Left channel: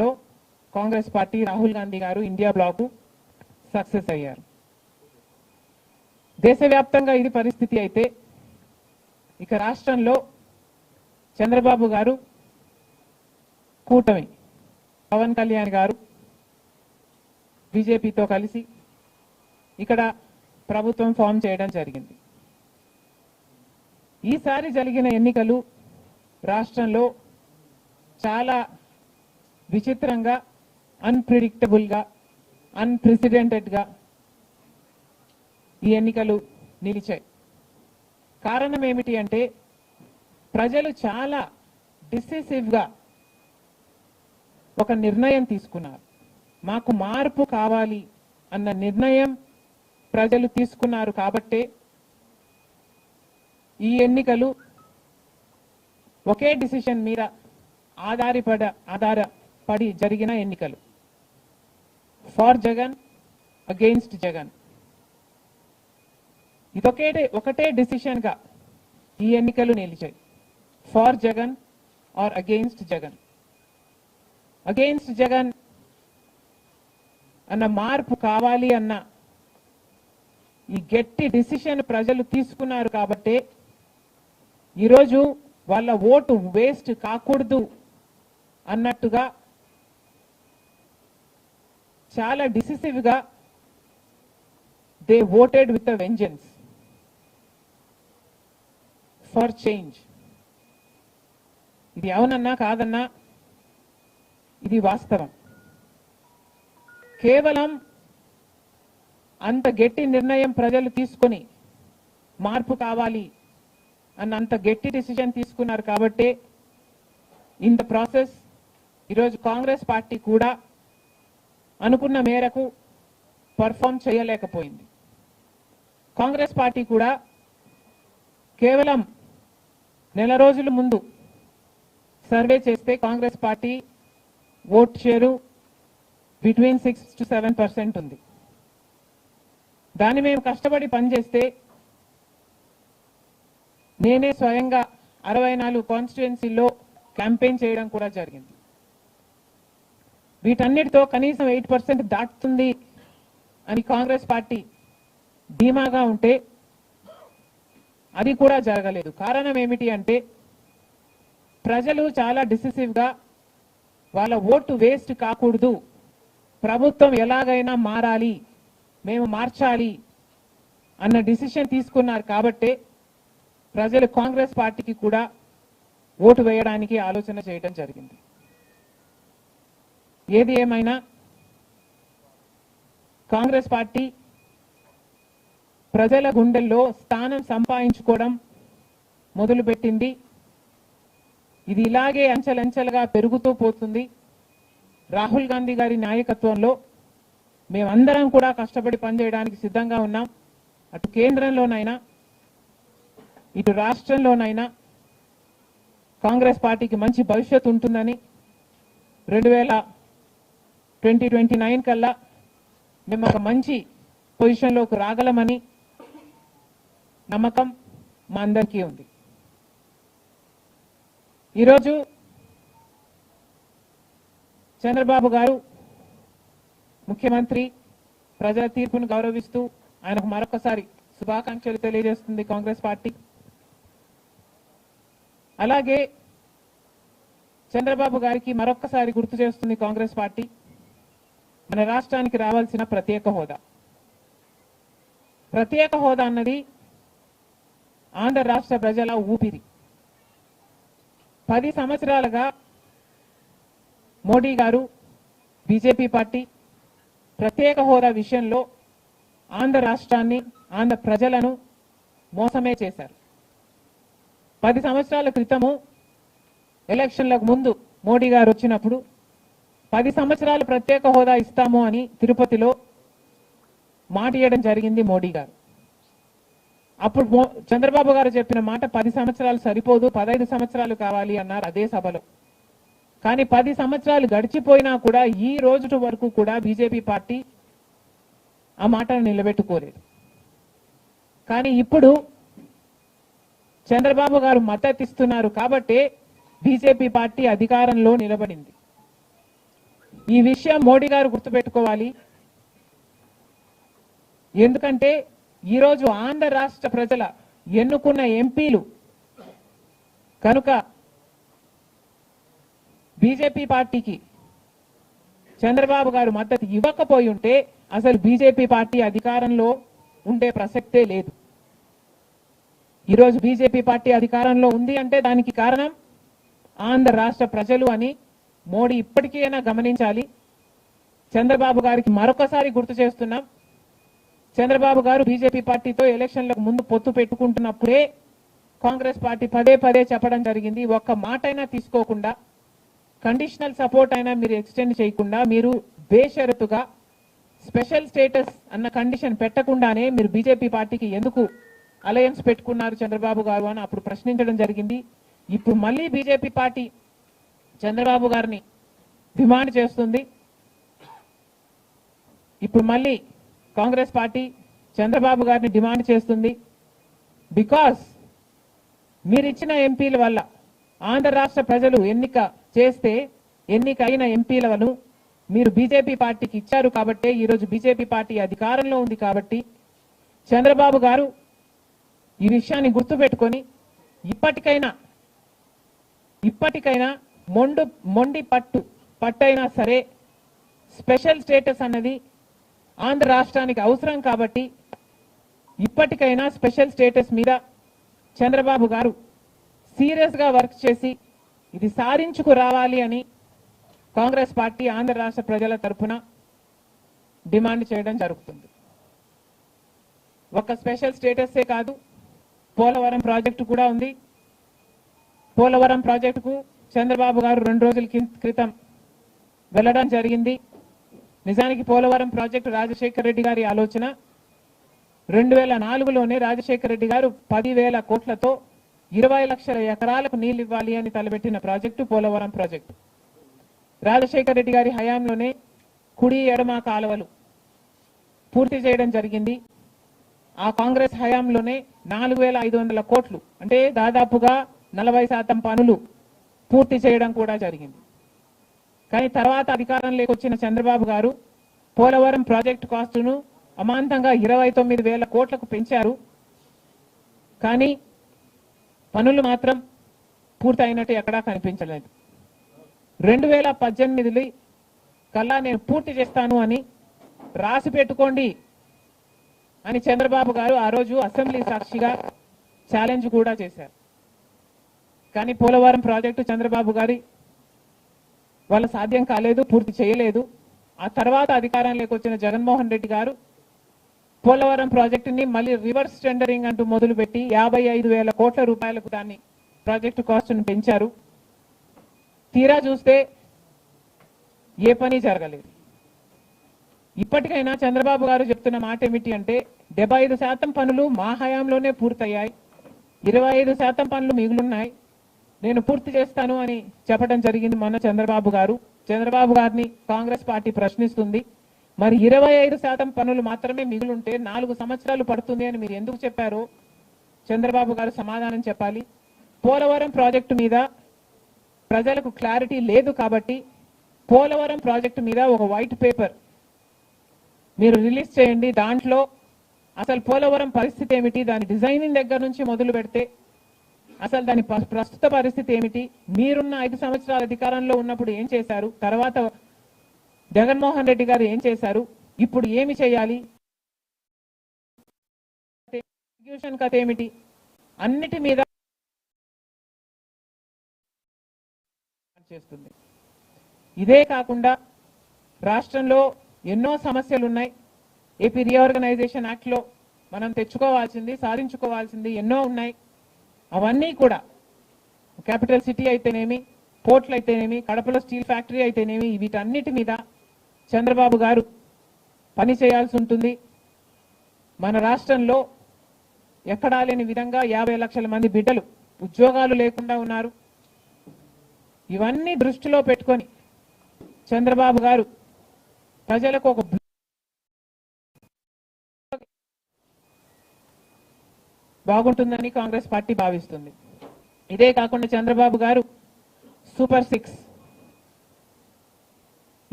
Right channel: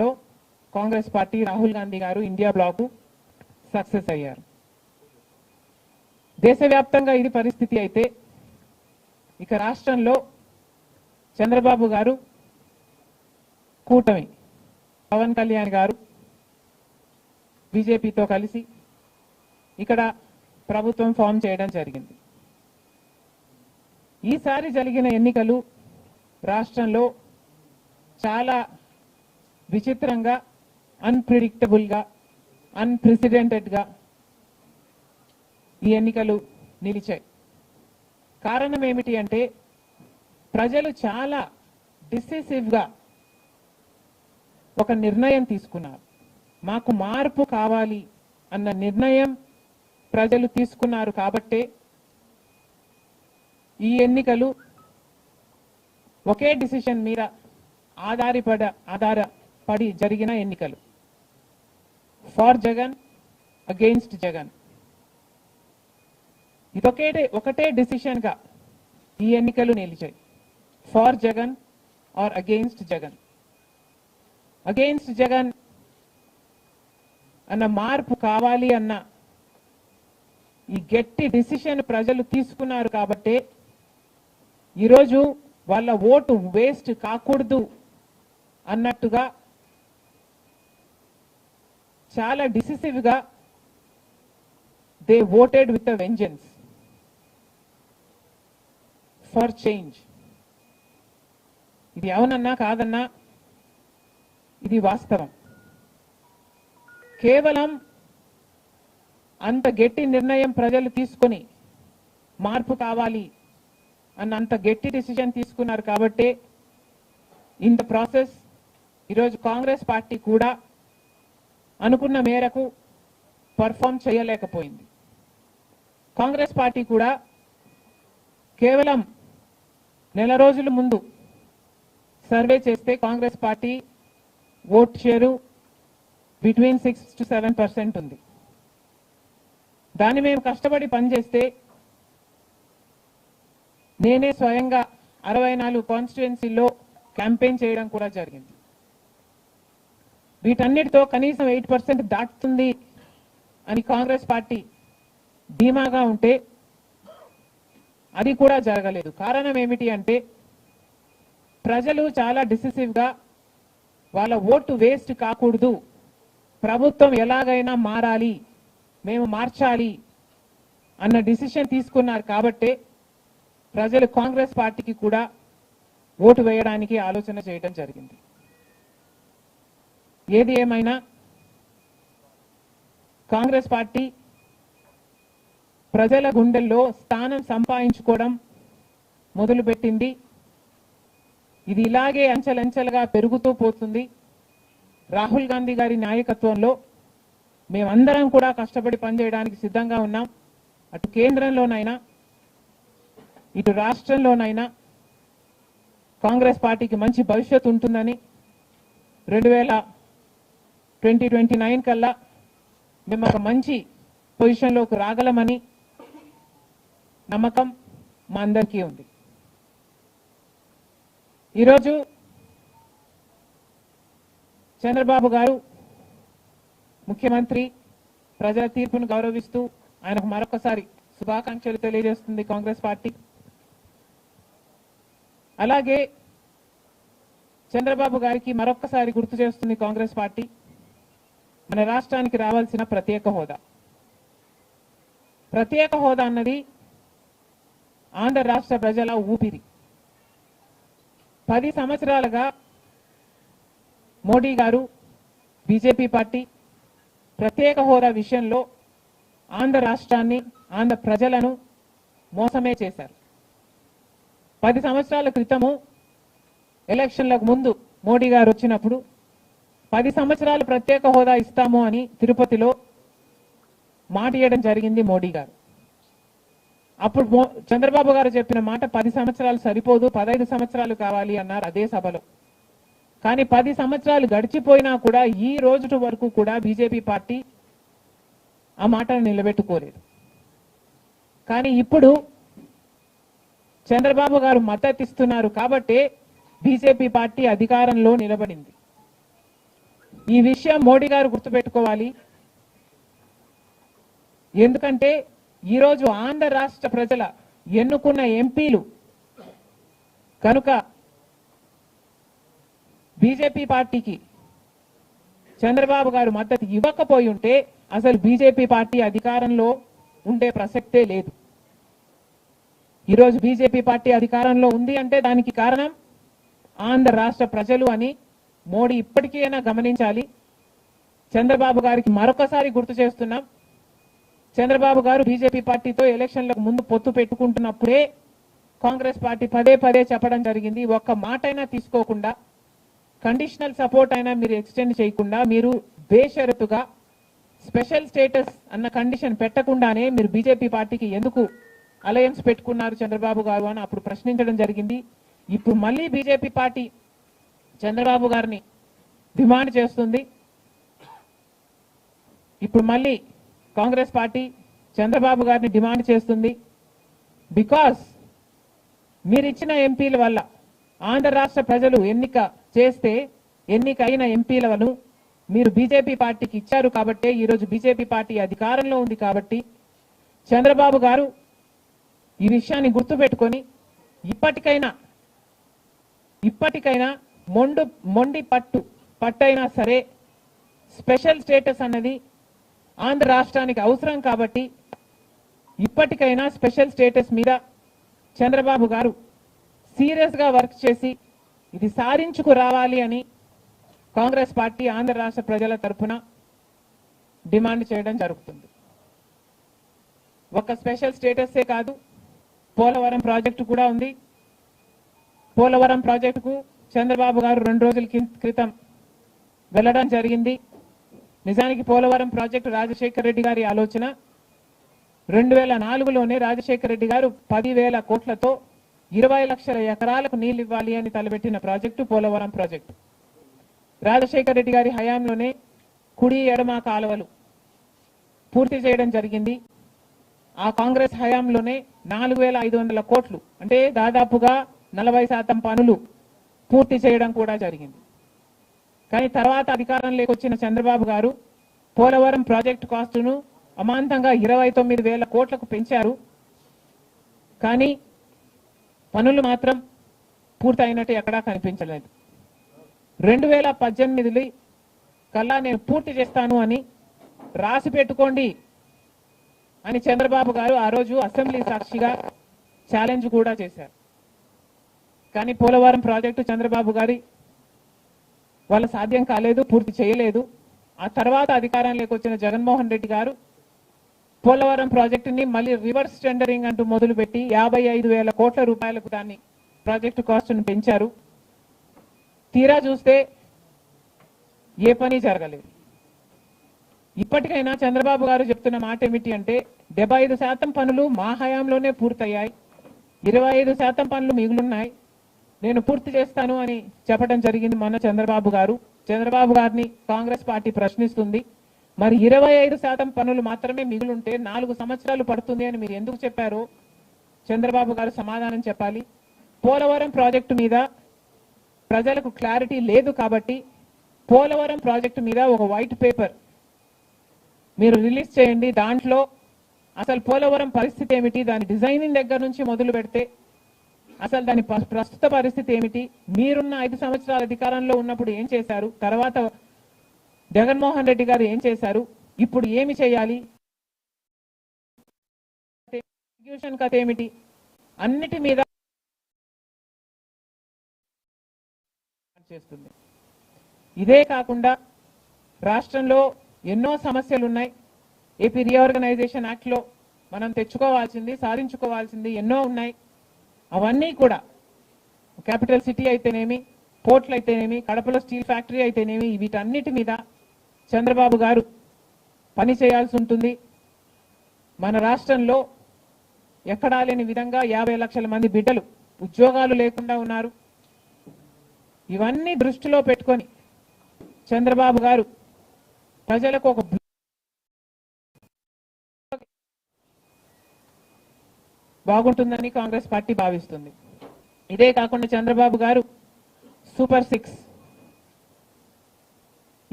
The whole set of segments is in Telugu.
లో కాంగ్రెస్ పార్టీ రాహుల్ గాంధీ గారు ఇండియా బ్లాక్ సక్సెస్ అయ్యారు. దేశవ్యాప్తంగా ఇది పరిస్థితి అయితే ఇక రాష్ట్రంలో చంద్రబాబు గారు కూటమి పవన్ కళ్యాణ్ గారు బీజేపీతో కలిసి ఇక్కడ ప్రభుత్వం ఫామ్ చేయడం జరిగింది. ఈసారి జరిగిన ఎన్నికలు రాష్ట్రంలో చాలా విచిత్రంగా, అన్ప్రెడిక్టబుల్ గా, అన్ప్రెసిడెంటెడ్ గా ఈ ఎన్నికలు నిలిచాయి. కారణం ఏమిటి అంటే ప్రజలు చాలా డిసిసివ్ గా ఒక నిర్ణయం తీసుకున్నారు. మాకు మార్పు కావాలి అన్న నిర్ణయం ప్రజలు తీసుకున్నారు కాబట్టే ఈ ఎన్నికలు ఒకే డిసిషన్ మీద ఆధారపడి జరిగిన ఎన్నికలు. For Jagan, against Jagan. ఒకటే డిసిషన్ గా ఈ ఎన్నికలు నిలిచాయి. For Jagan or against Jagan. Against Jagan అన్న మార్పు కావాలి అన్న ఈ గట్టి డిసిషన్ ప్రజలు తీసుకున్నారు కాబట్టి ఈరోజు వాళ్ళ ఓటు వేస్ట్ కాకూడదు అన్నట్టుగా చాలా డిసిసివ్ గా they voted with a vengeance for change. ఇది అవునన్నా కాదన్నా ఇది వాస్తవం. కేవలం అంత గట్టి నిర్ణయం ప్రజలు తీసుకుని మార్పు కావాలి అన్నంత గట్టి డిసిజన్ తీసుకున్నారు కాబట్టి ఇన్ ద ప్రాసెస్ ఈరోజు కాంగ్రెస్ పార్టీ కూడా అనుకున్న మేరకు పర్ఫార్మ్ చేయలేకపోయింది. కాంగ్రెస్ పార్టీ కూడా కేవలం నెల రోజుల ముందు సర్వే చేస్తే Congress party vote share between 6 to 7% ఉంది. దాన్ని మేము కష్టపడి పనిచేస్తే నేనే స్వయంగా 64 కాన్స్టిట్యుయెన్సీల్లో క్యాంపెయిన్ చేయడం కూడా జరిగింది. వీటన్నిటితో కనీసం 8% దాటుతుంది అని కాంగ్రెస్ పార్టీ ధీమాగా ఉంటే అది కూడా జరగలేదు. కారణం ఏమిటి అంటే ప్రజలు చాలా డిసిసివ్ గా వాళ్ళ ఓటు వేస్ట్ కాకూడదు, ప్రభుత్వం ఎలాగైనా మారాలి, మేము మార్చాలి అన్న డిసిషన్ తీసుకున్నారు కాబట్టి ప్రజలు కాంగ్రెస్ పార్టీకి కూడా ఓటు వేయడానికి ఆలోచన చేయడం జరిగింది. ఏది ఏమైనా కాంగ్రెస్ పార్టీ ప్రజల గుండెల్లో స్థానం సంపాదించుకోవడం మొదలుపెట్టింది. ఇది ఇలాగే అంచెలంచెలుగా పెరుగుతూ పోతుంది. రాహుల్ గాంధీ గారి నాయకత్వంలో మేమందరం కూడా కష్టపడి పనిచేయడానికి సిద్ధంగా ఉన్నాం. అటు కేంద్రంలోనైనా ఇటు రాష్ట్రంలోనైనా కాంగ్రెస్ పార్టీకి మంచి భవిష్యత్తు ఉంటుందని 2029 కల్లా మేము ఒక మంచి పొజిషన్లోకి రాగలమని నమ్మకం మా అందరికీ ఉంది. ఈరోజు చంద్రబాబు గారు ముఖ్యమంత్రి ప్రజల తీర్పును గౌరవిస్తూ ఆయనకు మరొకసారి శుభాకాంక్షలు తెలియజేస్తుంది కాంగ్రెస్ పార్టీ. అలాగే చంద్రబాబు గారికి మరొకసారి గుర్తు చేస్తుంది కాంగ్రెస్ పార్టీ మన రాష్ట్రానికి రావాల్సిన ప్రత్యేక హోదా. ప్రత్యేక హోదా అన్నది ఆంధ్ర రాష్ట్ర ప్రజల ఊపిరి. 10 సంవత్సరాలుగా మోడీ గారు, బీజేపీ పార్టీ ప్రత్యేక హోదా విషయంలో ఆంధ్ర రాష్ట్రాన్ని, ఆంధ్ర ప్రజలను మోసమే చేశారు. 10 సంవత్సరాల క్రితము ఎలక్షన్లకు ముందు మోడీ గారు వచ్చినప్పుడు 10 సంవత్సరాలు ప్రత్యేక హోదా ఇస్తాము అని తిరుపతిలో మాట ఇవ్వడం జరిగింది మోడీ గారు. అప్పుడు చంద్రబాబు గారు చెప్పిన మాట 10 సంవత్సరాలు సరిపోదు, 15 సంవత్సరాలు కావాలి అన్నారు అదే సభలో. కానీ 10 సంవత్సరాలు గడిచిపోయినా కూడా ఈ రోజు వరకు కూడా బీజేపీ పార్టీ ఆ మాటను నిలబెట్టుకోలేదు. కానీ ఇప్పుడు చంద్రబాబు గారు మద్దతు ఇస్తున్నారు కాబట్టి బీజేపీ పార్టీ అధికారంలో నిలబడింది. ఈ విషయం మోడీ గారు గుర్తుపెట్టుకోవాలి. ఎందుకంటే ఈరోజు ఆంధ్ర రాష్ట్ర ప్రజల ఎన్నుకున్న ఎంపీలు కనుక బీజేపీ పార్టీకి చంద్రబాబు గారు మద్దతు ఇవ్వకపోయి ఉంటే అసలు బీజేపీ పార్టీ అధికారంలో ఉండే ప్రసక్తే లేదు. ఈరోజు బీజేపీ పార్టీ అధికారంలో ఉంది అంటే దానికి కారణం ఆంధ్ర రాష్ట్ర ప్రజలు అని మోడీ ఇప్పటికైనా గమనించాలి. చంద్రబాబు గారికి మరొకసారి గుర్తు చేస్తున్నాం, చంద్రబాబు గారు బీజేపీ పార్టీతో ఎలక్షన్లకు ముందు పొత్తు పెట్టుకుంటున్నప్పుడే కాంగ్రెస్ పార్టీ పదే పదే చెప్పడం జరిగింది, ఒక్క మాట అయినా తీసుకోకుండా, కండిషనల్ సపోర్ట్ అయినా మీరు ఎక్స్టెండ్ చేయకుండా, మీరు బేషరతుగా స్పెషల్ స్టేటస్ అన్న కండిషన్ పెట్టకుండానే మీరు బీజేపీ పార్టీకి ఎందుకు అలయన్స్ పెట్టుకున్నారు చంద్రబాబు గారు అని అప్పుడు ప్రశ్నించడం జరిగింది. ఇప్పుడు మళ్ళీ బీజేపీ పార్టీ చంద్రబాబు గారిని డిమాండ్ చేస్తుంది. ఇప్పుడు మళ్ళీ కాంగ్రెస్ పార్టీ చంద్రబాబు గారిని డిమాండ్ చేస్తుంది. బికాస్ మీరు ఇచ్చిన ఎంపీల వల్ల ఆంధ్ర రాష్ట్ర ప్రజలు ఎన్నికైన ఎంపీలను మీరు బీజేపీ పార్టీకి ఇచ్చారు కాబట్టి ఈరోజు బీజేపీ పార్టీ అధికారంలో ఉంది కాబట్టి చంద్రబాబు గారు ఈ విషయాన్ని గుర్తుపెట్టుకొని ఇప్పటికైనా మొండి పట్టైనా సరే స్పెషల్ స్టేటస్ అన్నది ఆంధ్ర రాష్ట్రానికి అవసరం కాబట్టి ఇప్పటికైనా స్పెషల్ స్టేటస్ మీద చంద్రబాబు గారు సీరియస్ గా వర్క్ చేసి ఇది సాధించుకు రావాలి అని కాంగ్రెస్ పార్టీ ఆంధ్ర రాష్ట్ర ప్రజల తరఫున డిమాండ్ చేయడం జరుగుతుంది. ఒక స్పెషల్ స్టేటసే కాదు, పోలవరం ప్రాజెక్టు కూడా ఉంది. పోలవరం ప్రాజెక్టుకు చంద్రబాబు గారు 2 రోజుల క్రితం వెళ్లడం జరిగింది. నిజానికి పోలవరం ప్రాజెక్టు రాజశేఖర రెడ్డి గారి ఆలోచన. 2004లోనే రాజశేఖర రెడ్డి గారు 10,000 కోట్లతో 20 లక్షల ఎకరాలకు నీళ్లు ఇవ్వాలి అని తలపెట్టిన ప్రాజెక్టు పోలవరం ప్రాజెక్టు. రాజశేఖర రెడ్డి గారి హయాంలోనే కుడి ఎడమ కాలువలు పూర్తి చేయడం జరిగింది. ఆ కాంగ్రెస్ హయాంలోనే 4,500 కోట్లు అంటే దాదాపుగా 40% పనులు పూర్తి చేయడం కూడా జరిగింది. కానీ తర్వాత అధికారంలోకి వచ్చిన చంద్రబాబు గారు పోలవరం ప్రాజెక్టు కాస్టును అమాంతంగా 29,000 కోట్లకు పెంచారు. కానీ పనులు మాత్రం పూర్తయినట్టు ఎక్కడా కనిపించలేదు. 2018 కల్లా నేను పూర్తి చేస్తాను అని రాసి పెట్టుకోండి అని చంద్రబాబు గారు ఆ రోజు అసెంబ్లీ సాక్షిగా ఛాలెంజ్ కూడా చేశారు. కానీ పోలవరం ప్రాజెక్టు చంద్రబాబు గారి వాళ్ళ సాధ్యం కాలేదు, పూర్తి చేయలేదు. ఆ తర్వాత అధికారంలోకి వచ్చిన జగన్మోహన్ రెడ్డి గారు పోలవరం ప్రాజెక్టుని మళ్ళీ రివర్స్ టెండరింగ్ అంటూ మొదలుపెట్టి 55,000 కోట్ల రూపాయలకు దాన్ని ప్రాజెక్టు కాస్ట్ను పెంచారు. తీరా చూస్తే ఏ పని జరగలేదు. ఇప్పటికైనా చంద్రబాబు గారు చెప్తున్న మాట ఏమిటి అంటే 75% పనులు మా హయాంలోనే పూర్తయ్యాయి, 25% పనులు మిగులున్నాయి, నేను పూర్తి చేస్తాను అని చెప్పడం జరిగింది మొన్న చంద్రబాబు గారు. చంద్రబాబు గారిని కాంగ్రెస్ పార్టీ ప్రశ్నిస్తుంది, మరి 25% పనులు మాత్రమే మిగులుంటే 4 సంవత్సరాలు పడుతుంది అని మీరు ఎందుకు చెప్పారో చంద్రబాబు గారు సమాధానం చెప్పాలి. పోలవరం ప్రాజెక్టు మీద ప్రజలకు క్లారిటీ లేదు కాబట్టి పోలవరం ప్రాజెక్టు మీద ఒక వైట్ పేపర్ మీరు రిలీజ్ చేయండి. దాంట్లో అసలు పోలవరం పరిస్థితి ఏమిటి, దాని డిజైనింగ్ దగ్గర నుంచి మొదలు పెడితే అసలు దాని ప్రస్తుత పరిస్థితి ఏమిటి, మీరున్న 5 సంవత్సరాల అధికారంలో ఉన్నప్పుడు ఏం చేశారు, తర్వాత జగన్మోహన్ రెడ్డి గారు ఏం చేశారు, ఇప్పుడు ఏమి చేయాలి, ఎగ్జిక్యూషన్ కథ ఏమిటి, అన్నిటి మీద చేస్తుంది. ఇదే కాకుండా రాష్ట్రంలో ఎన్నో సమస్యలు ఉన్నాయి. ఏపీ రీఆర్గనైజేషన్ యాక్ట్ లో మనం తెచ్చుకోవాల్సింది, సాధించుకోవాల్సింది ఎన్నో ఉన్నాయి. అవన్నీ కూడా క్యాపిటల్ సిటీ అయితేనేమి, పోర్ట్లు అయితేనేమి, కడపలో స్టీల్ ఫ్యాక్టరీ అయితేనేమి, వీటన్నిటి మీద చంద్రబాబు గారు పని చేయాల్సి ఉంటుంది. మన రాష్ట్రంలో ఎక్కడా లేని విధంగా 50 లక్షల మంది బిడ్డలు ఉద్యోగాలు లేకుండా ఉన్నారు. ఇవన్నీ దృష్టిలో పెట్టుకొని చంద్రబాబు గారు ప్రజలకు ఒక బాగుంటుందని కాంగ్రెస్ పార్టీ భావిస్తుంది. ఇదే కాకుండా చంద్రబాబు గారు సూపర్ 6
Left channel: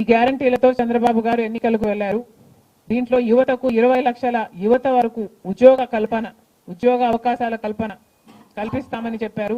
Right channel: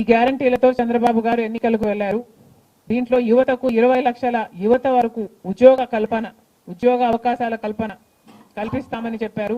ఈ గ్యారంటీలతో చంద్రబాబు గారు ఎన్నికలకు వెళ్లారు. దీంట్లో యువతకు 20 లక్షల యువత వరకు ఉద్యోగ అవకాశాల కల్పన కల్పిస్తామని చెప్పారు.